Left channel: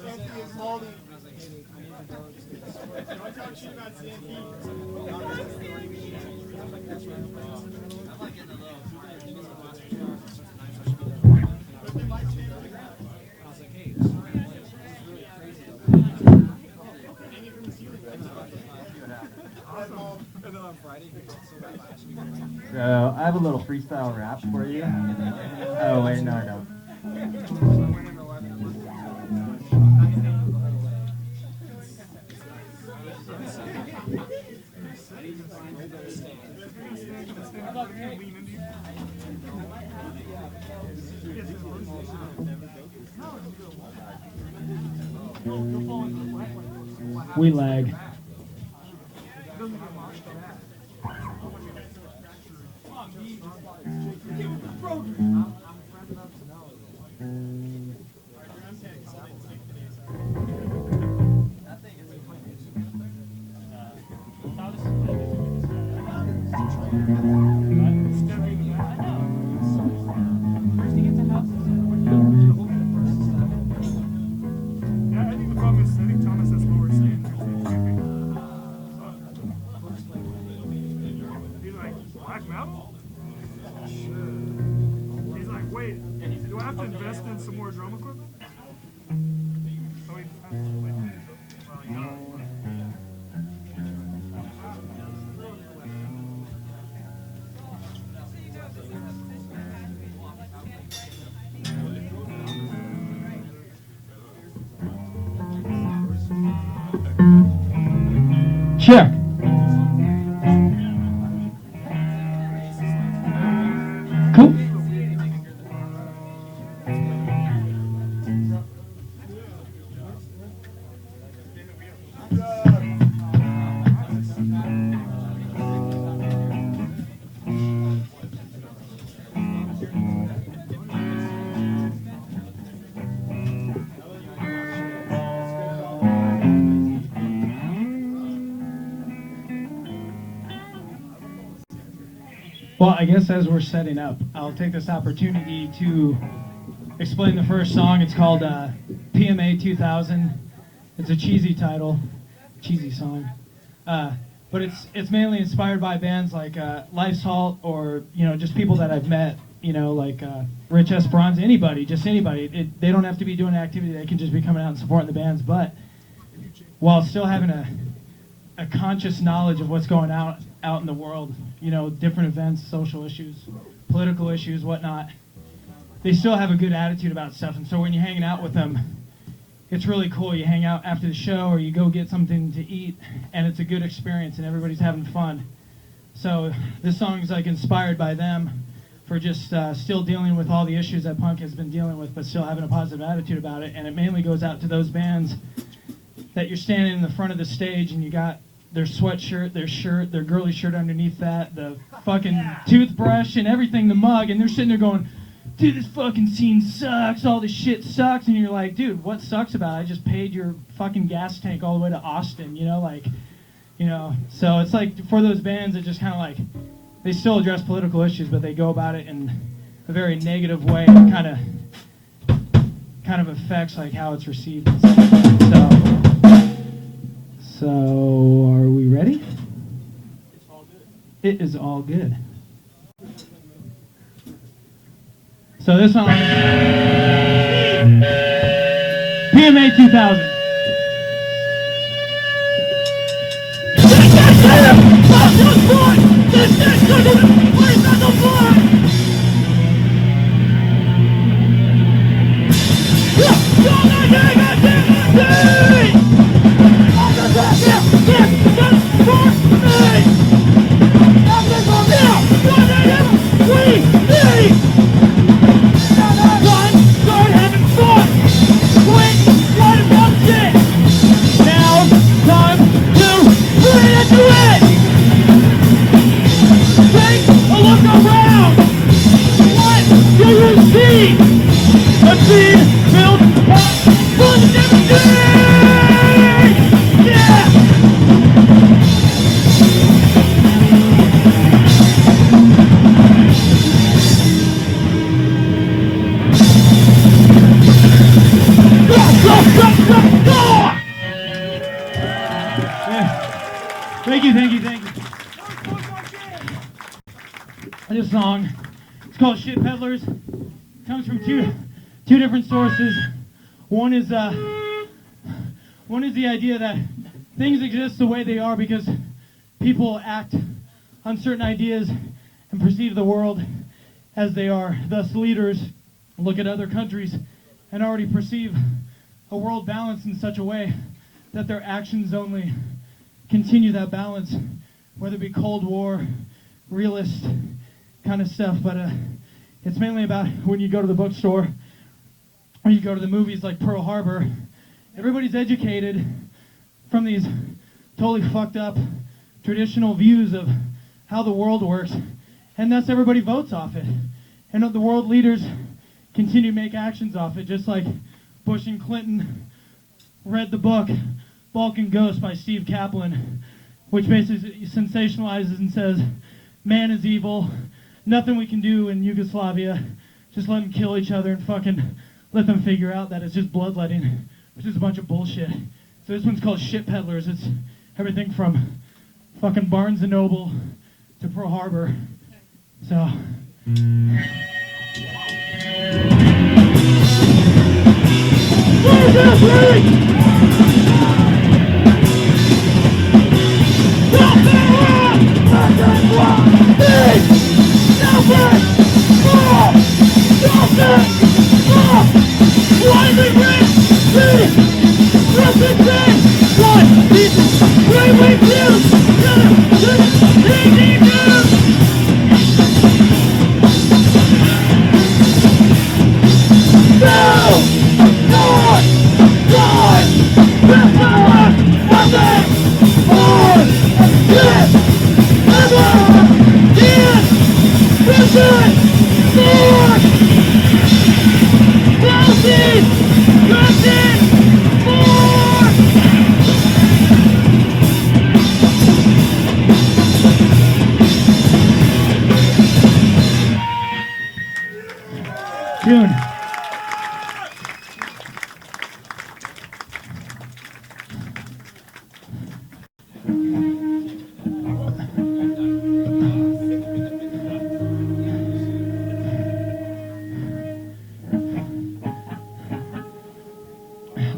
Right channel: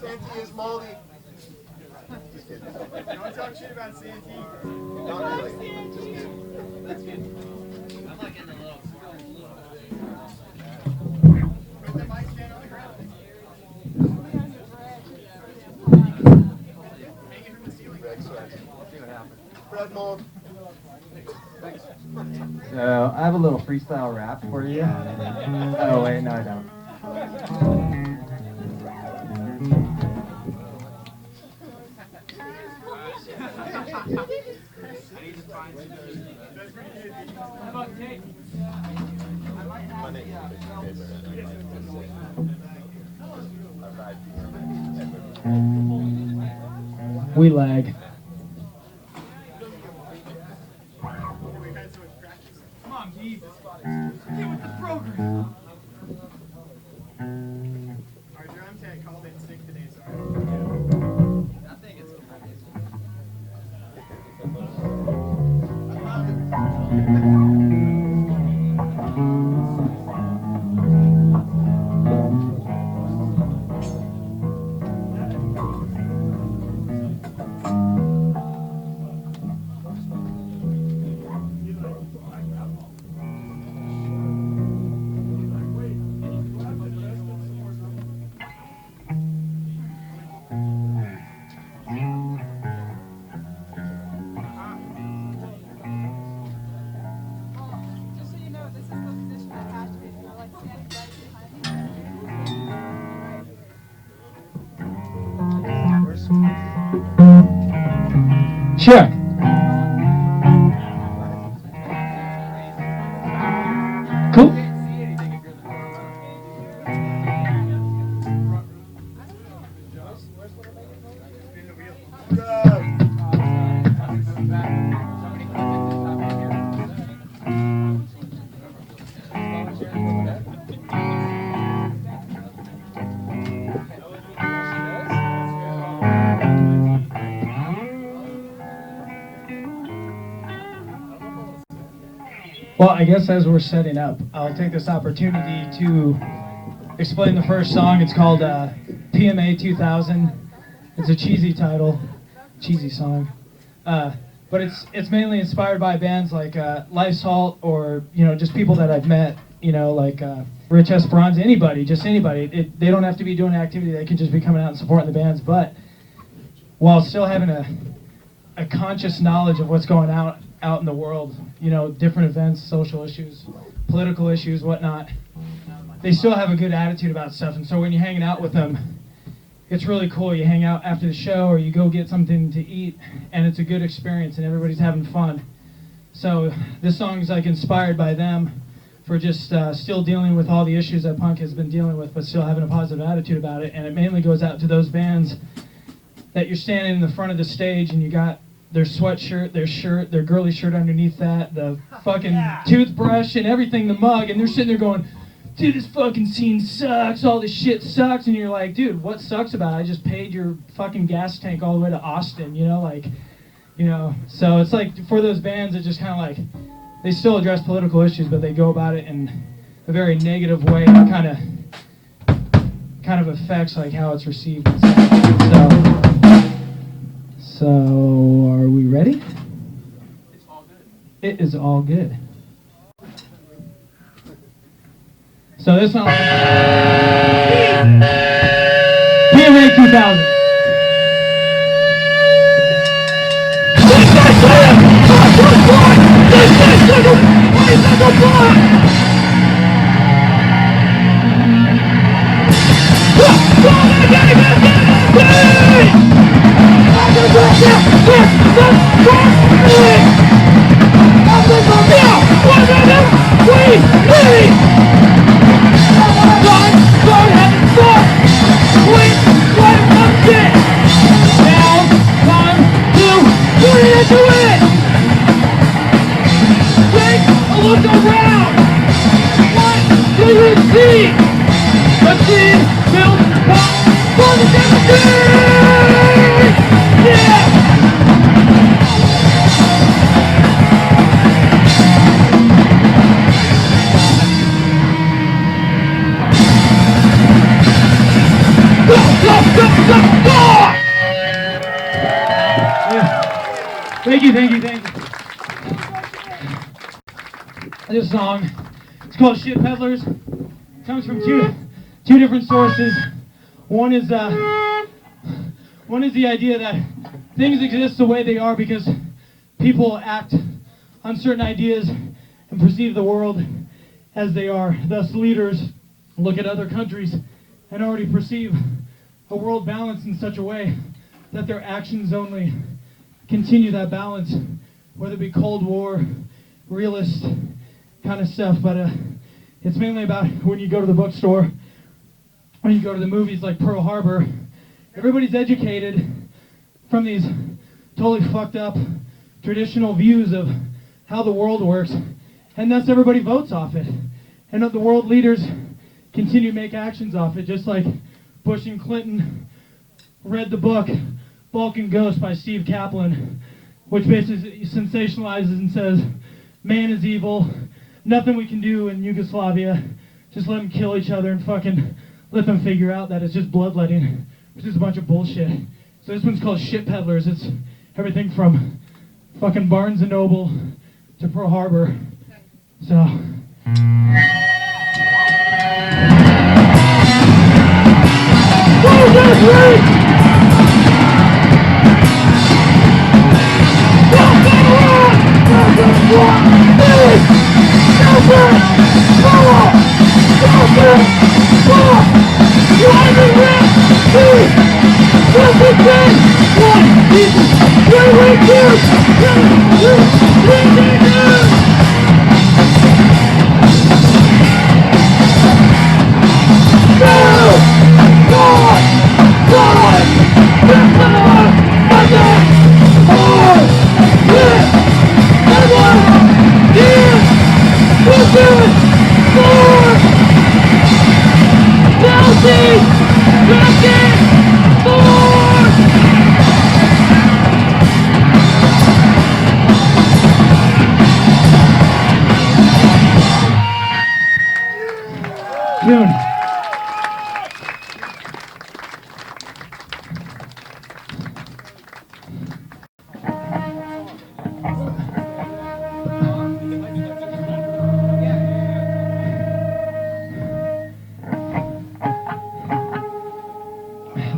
Santi is moldy. Don't talk shit about Santi. Not really. I'm like in the little. Put the mic stand on the ground. Hang it from the ceiling. Bread mold. So I have a little freestyle rap for you. Oh wait, no, I don't. We lag. Our drum tech called it sick today, sorry. Yeah, I think the problem is setting Thomas, that's what we're saying. He's like, black metal? He's like, wait, do I have to invest in some more drum equipment? Check. Cool. Well, I guess as we're setting up, I'll take this opportunity to explain the first song. It's called PMA 2000. It's a cheesy title, cheesy song, but it's mainly inspired by bands like Life's Halt, or just people that I've met. Like Rich Esperanza, just anybody. They don't have to be doing an activity. They can just be coming out and supporting the bands, but while still having a conscious knowledge of what's going out in the world, different events, social issues, political issues, whatnot. They still have a good attitude about stuff, and so when you're hanging out with them, it's really cool. You hang out after the show, or you go get something to eat, and it's a good experience, and everybody's having fun. So this song is like inspired by them for just still dealing with all the issues that punk has been dealing with, but still having a positive attitude about it. And it mainly goes out to those bands that you're standing in the front of the stage, and you got their sweatshirt, their shirt, their girly shirt underneath that, the fucking toothbrush and everything, the mug, and they're sitting there going, dude, this fucking scene sucks, all this shit sucks, and you're like, dude, what sucks about it? I just paid your fucking gas tank all the way to Austin, so it's like, for those bands, it's just kind of like, they still address political issues, but they go about it in a very negative way, and kind of affects like how it's received and stuff. So, are we ready? It's all good. It is all good. So this song is PMA 2000. thank you, thank you. This song, it's called Shit Peddlers. It comes from two different sources. One is the idea that things exist the way they are because people act on certain ideas and perceive the world as they are. Thus, leaders look at other countries and already perceive a world balance in such a way that their actions only continue that balance, whether it be Cold War, realist kind of stuff. But it's mainly about when you go to the bookstore, when you go to the movies like Pearl Harbor, everybody's educated from these totally fucked up traditional views of how the world works, and thus everybody votes off it. And the world leaders continue to make actions off it, just like Bush and Clinton read the book Balkan Ghost by Steve Kaplan, which basically sensationalizes and says, man is evil, nothing we can do in Yugoslavia, just let them kill each other and fucking let them figure out that it's just bloodletting, which is a bunch of bullshit. So this one's called Shit Peddlers. It's everything from fucking Barnes & Noble to Pearl Harbor. So...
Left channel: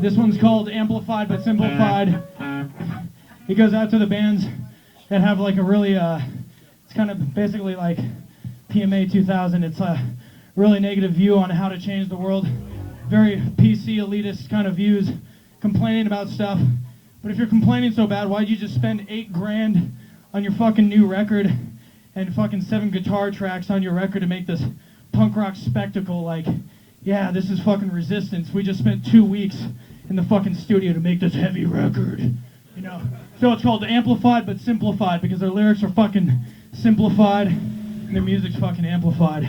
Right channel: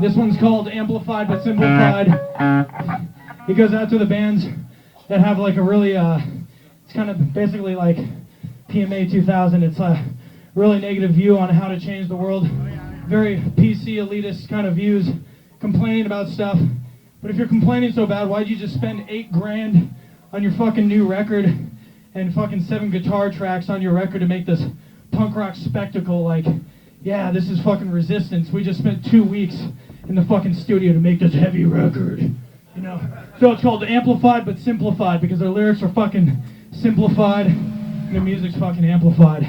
This one's called Amplified but Simplified. It goes out to the bands that have like a really, it's kind of basically like PMA 2000. It's a really negative view on how to change the world. Very PC elitist kind of views, complaining about stuff. But if you're complaining so bad, why'd you just spend $8 grand on your fucking new record and fucking 7 guitar tracks on your record to make this punk rock spectacle? Like, yeah, this is fucking Resistance. We just spent 2 weeks in the fucking studio to make this heavy record, you know? So it's called Amplified but Simplified because their lyrics are fucking simplified and the music's fucking amplified.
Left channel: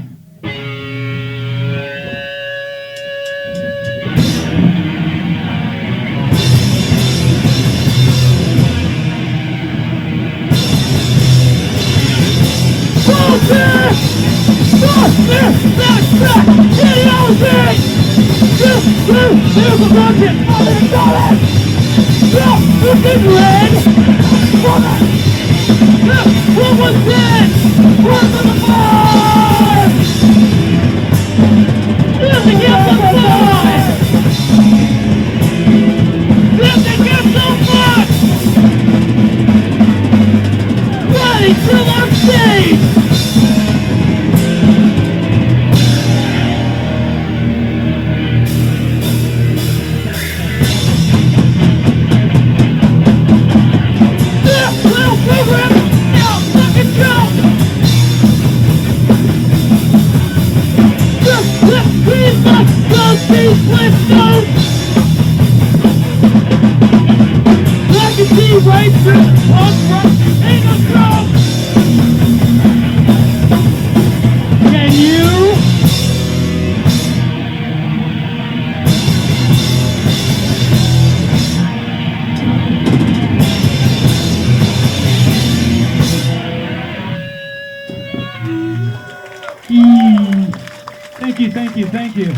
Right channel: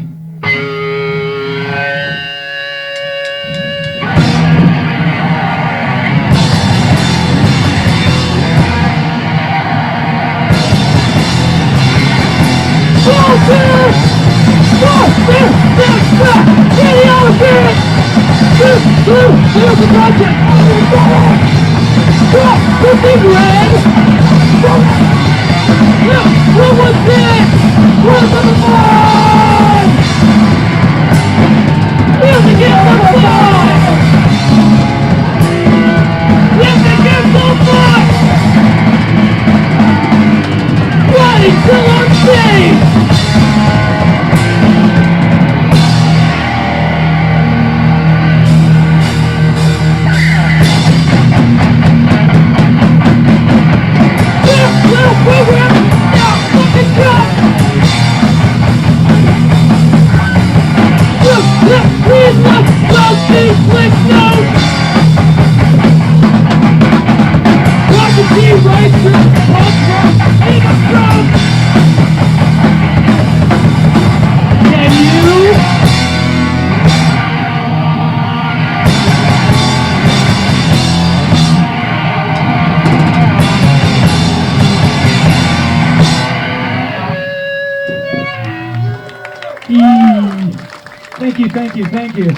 Thank you.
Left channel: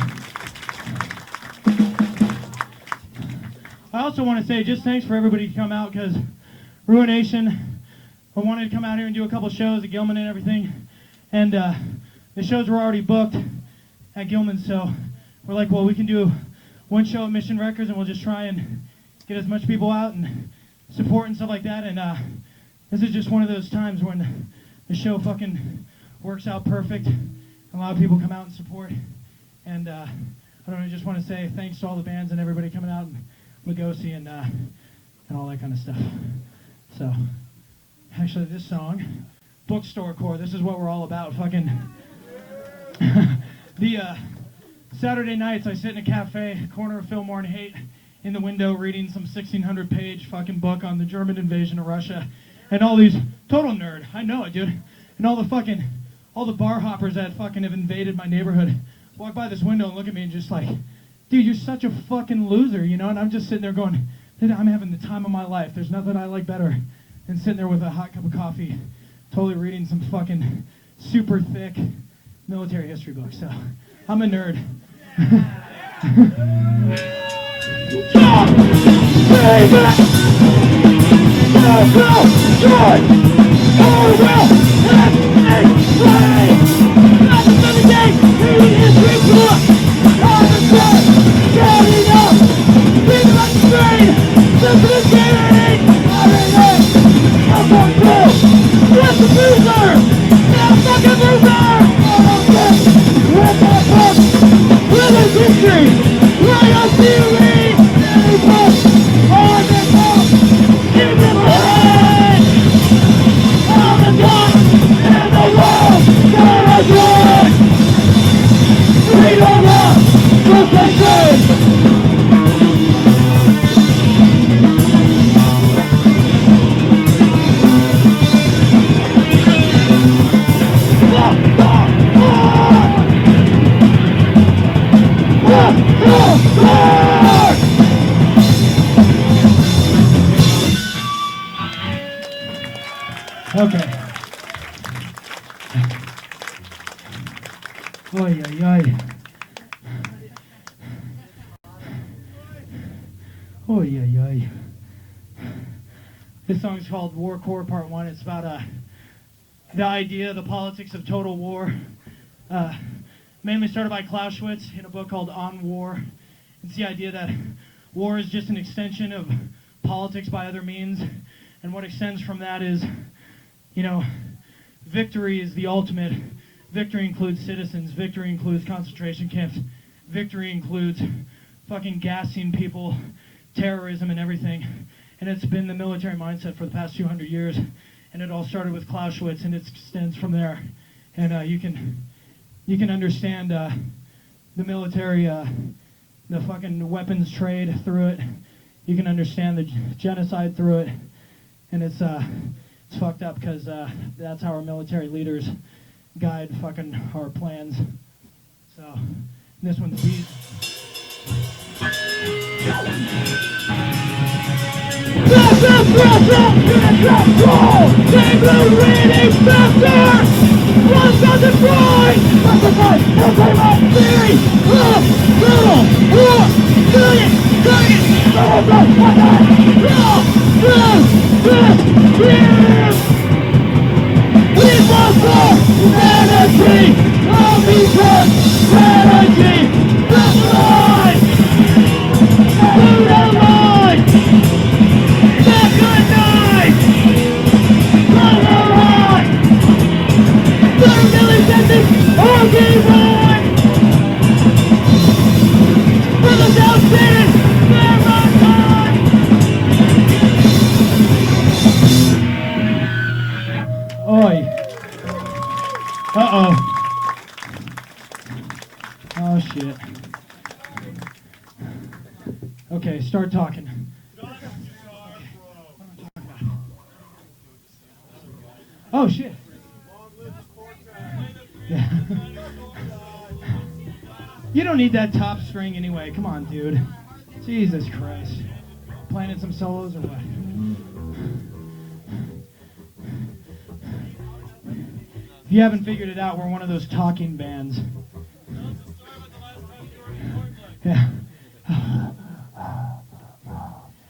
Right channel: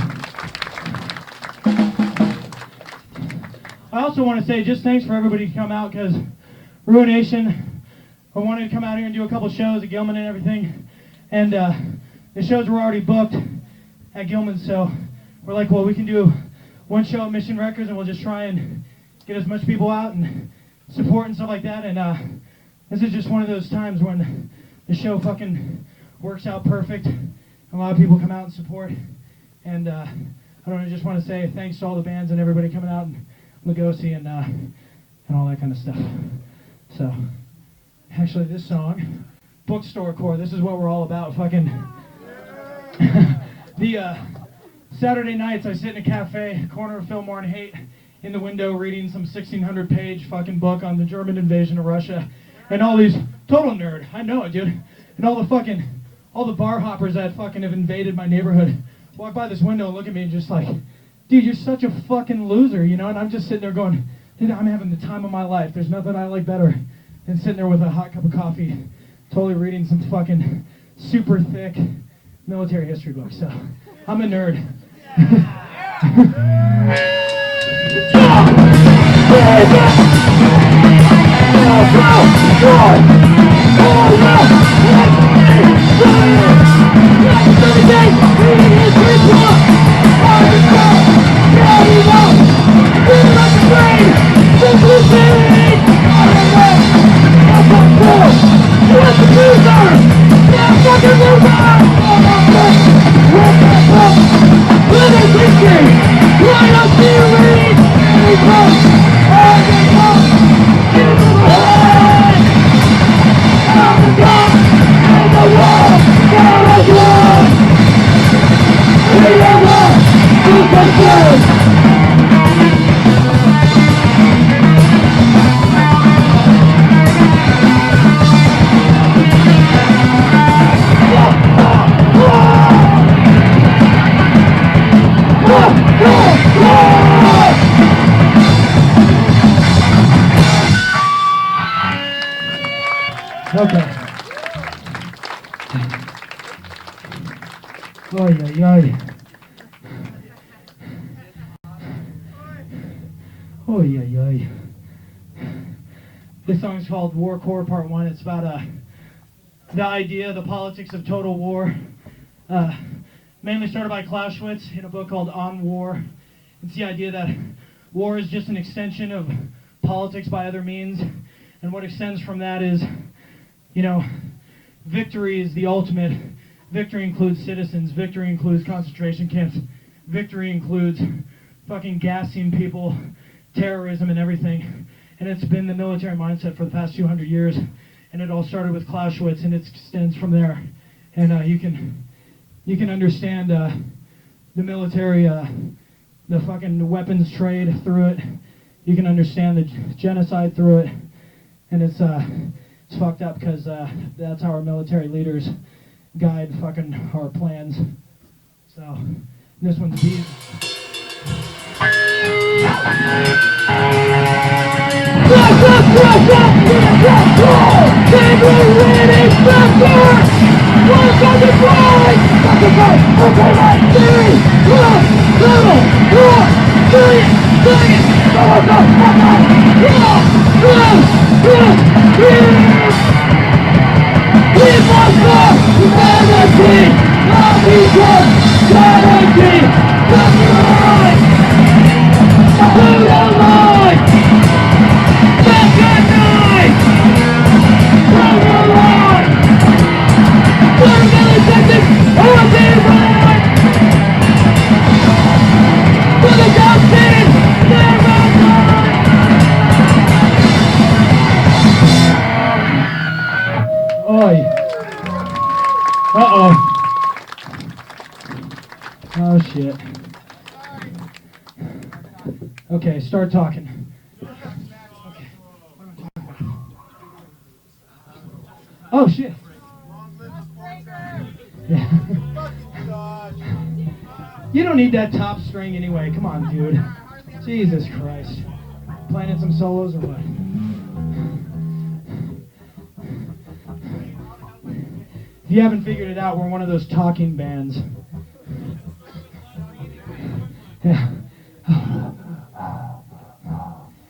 I also want to say just thanks for everybody to come out because Ruination, I wanted to come out here and do a couple shows at Gilman and everything. And the shows were already booked at Gilman, so we're like, well, we can do one show at Mission Records, and we'll just try and get as much people out and support and stuff like that. And this is just one of those times when the show fucking works out perfect. A lot of people come out and support. And I don't know, I just want to say thanks to all the bands and everybody coming out and Lugosi and all that kind of stuff. So, actually, this song, Bookstore Core, this is what we're all about. Fucking the Saturday nights, I sit in a cafe, corner of Fillmore and Haight, in the window reading some 1,600-page fucking book on the German invasion of Russia, and all these total nerd. I know it, dude. And all the bar hoppers that fucking have invaded my neighborhood walk by this window and look at me and just like, dude, you're such a fucking loser, you know? And I'm just sitting there going, dude, I'm having the time of my life. There's nothing I like better than sitting there with a hot cup of coffee, totally reading some fucking super thick military history book. So, I'm a nerd. Okay. Oy, oy, oy. Oy, oy, oy. This song is called Warcore Part 1. It's about the idea, the politics of total war. Mainly started by Clausewitz in a book called On War. It's the idea that war is just an extension of politics by other means. And what extends from that is, you know, victory is the ultimate. Victory includes citizens. Victory includes concentration camps. Victory includes fucking gassing people, terrorism and everything. And it's been the military mindset for the past 200 years. And it all started with Clausewitz, and it extends from there. And you can understand the military, the fucking weapons trade through it. You can understand the genocide through it. And it's fucked up because that's how our military leaders guide fucking our plans. So, this one's beat. Uh-oh. Oh, shit. Okay, start talking. Oh, shit. Yeah. You don't need that top string anyway. Come on, dude. Jesus Christ. Playing some solos or what? If you haven't figured it out, we're one of those talking bands. Yeah.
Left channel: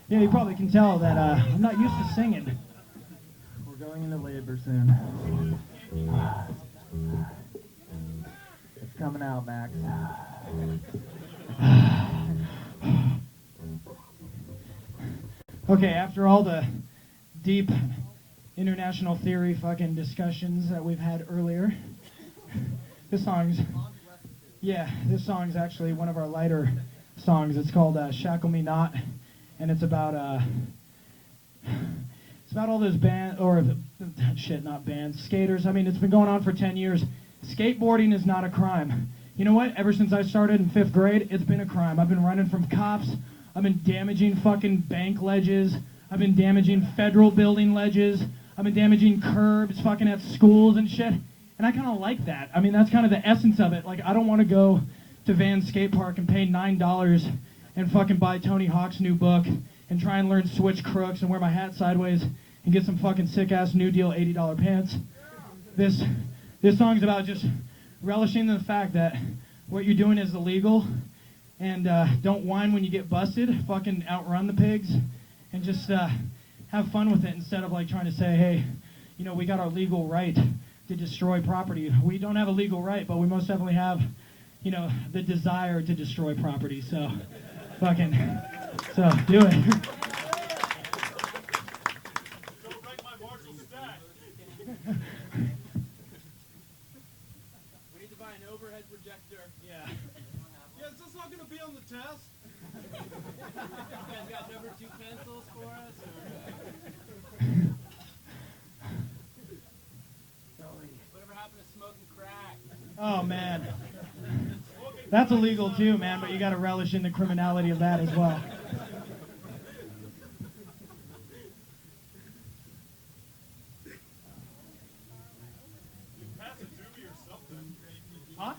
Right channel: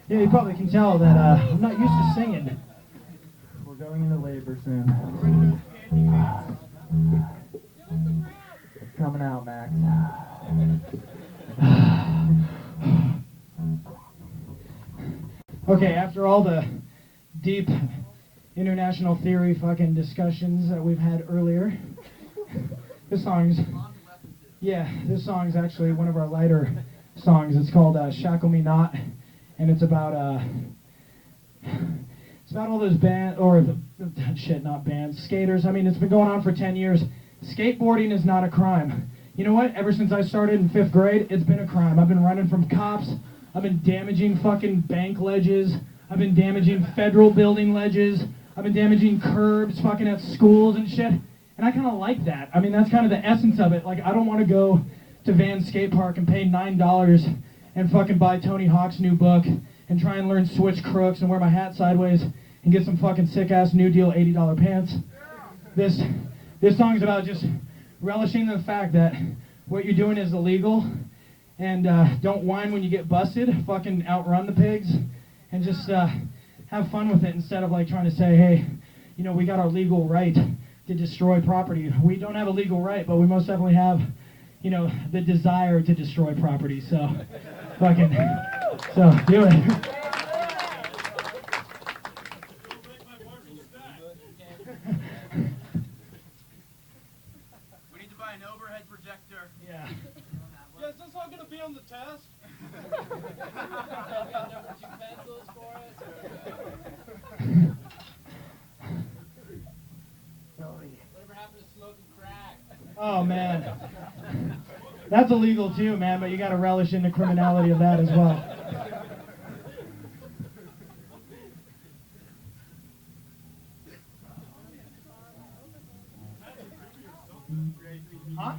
Yeah, you probably can tell that I'm not used to singing. We're Going into labor soon. It's coming out, Max. Okay, after all the deep international theory fucking discussions that we've had earlier, this song's actually one of our lighter songs. It's called Shackle Me Not, and it's about all those skaters. I mean, it's been going on for 10 years. Skateboarding is not a crime. You know what? Ever since I started in 5th grade, it's been a crime. I've been running from cops. I've been damaging fucking bank ledges. I've been damaging federal building ledges. I've been damaging curbs fucking at schools and shit. And I kind of like that. I mean, that's kind of the essence of it. Like, I don't want to go to Van Skate Park and pay $9 and fucking buy Tony Hawk's new book and try and learn switch crooks and wear my hat sideways and get some fucking sick-ass New Deal $80 pants. This song's about just relishing the fact that what you're doing is illegal, and don't whine when you get busted. Fucking outrun the pigs and just have fun with it instead of like trying to say, hey, you know, we got our legal right to destroy property. We don't have a legal right, but we most definitely have, you know, the desire to destroy property. So do it. Is this all gonna be on the test? You guys got number 2 pencils for us? Whatever happened to smoking crack? Oh, man. That's illegal too, man, but you gotta relish in the criminality of that as well. Huh?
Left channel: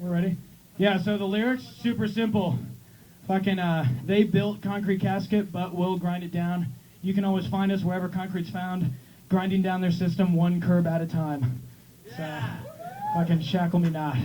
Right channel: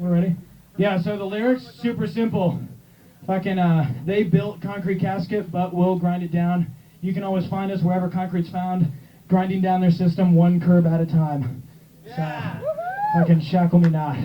We're ready? Yeah, so the lyrics, super simple. Fucking, they built concrete casket, but we'll grind it down. You can always find us wherever concrete's found, grinding down their system one curb at a time. Yeah. So, fucking shackle me not.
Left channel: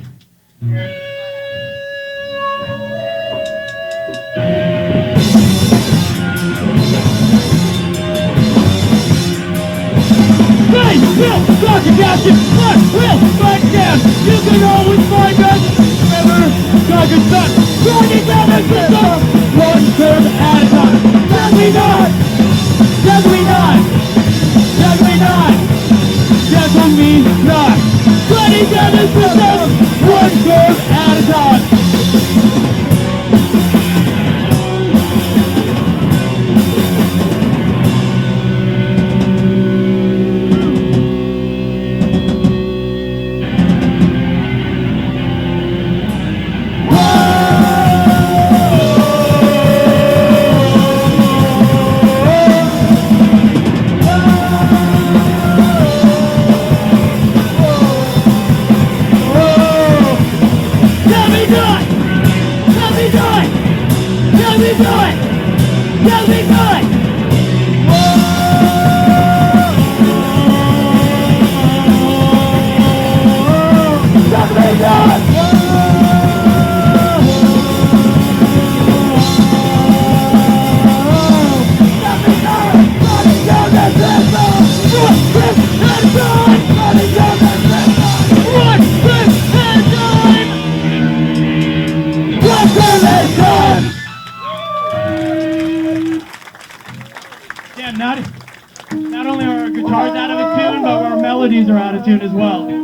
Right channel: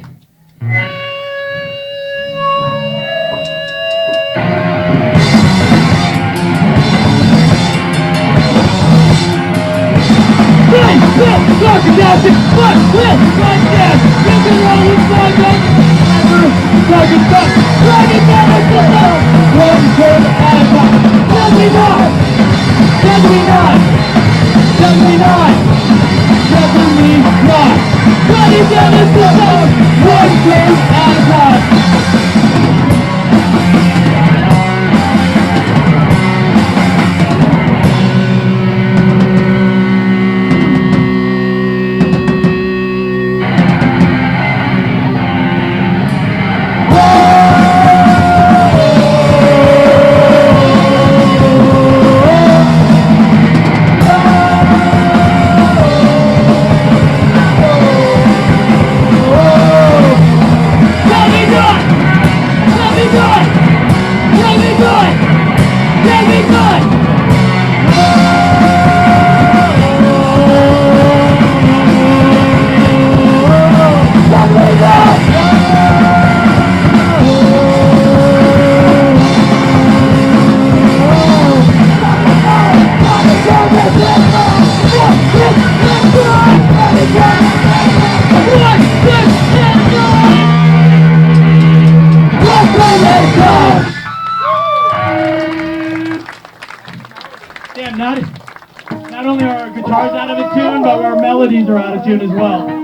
Damn, not only are our guitars out of tune, but our melodies are out of tune as well.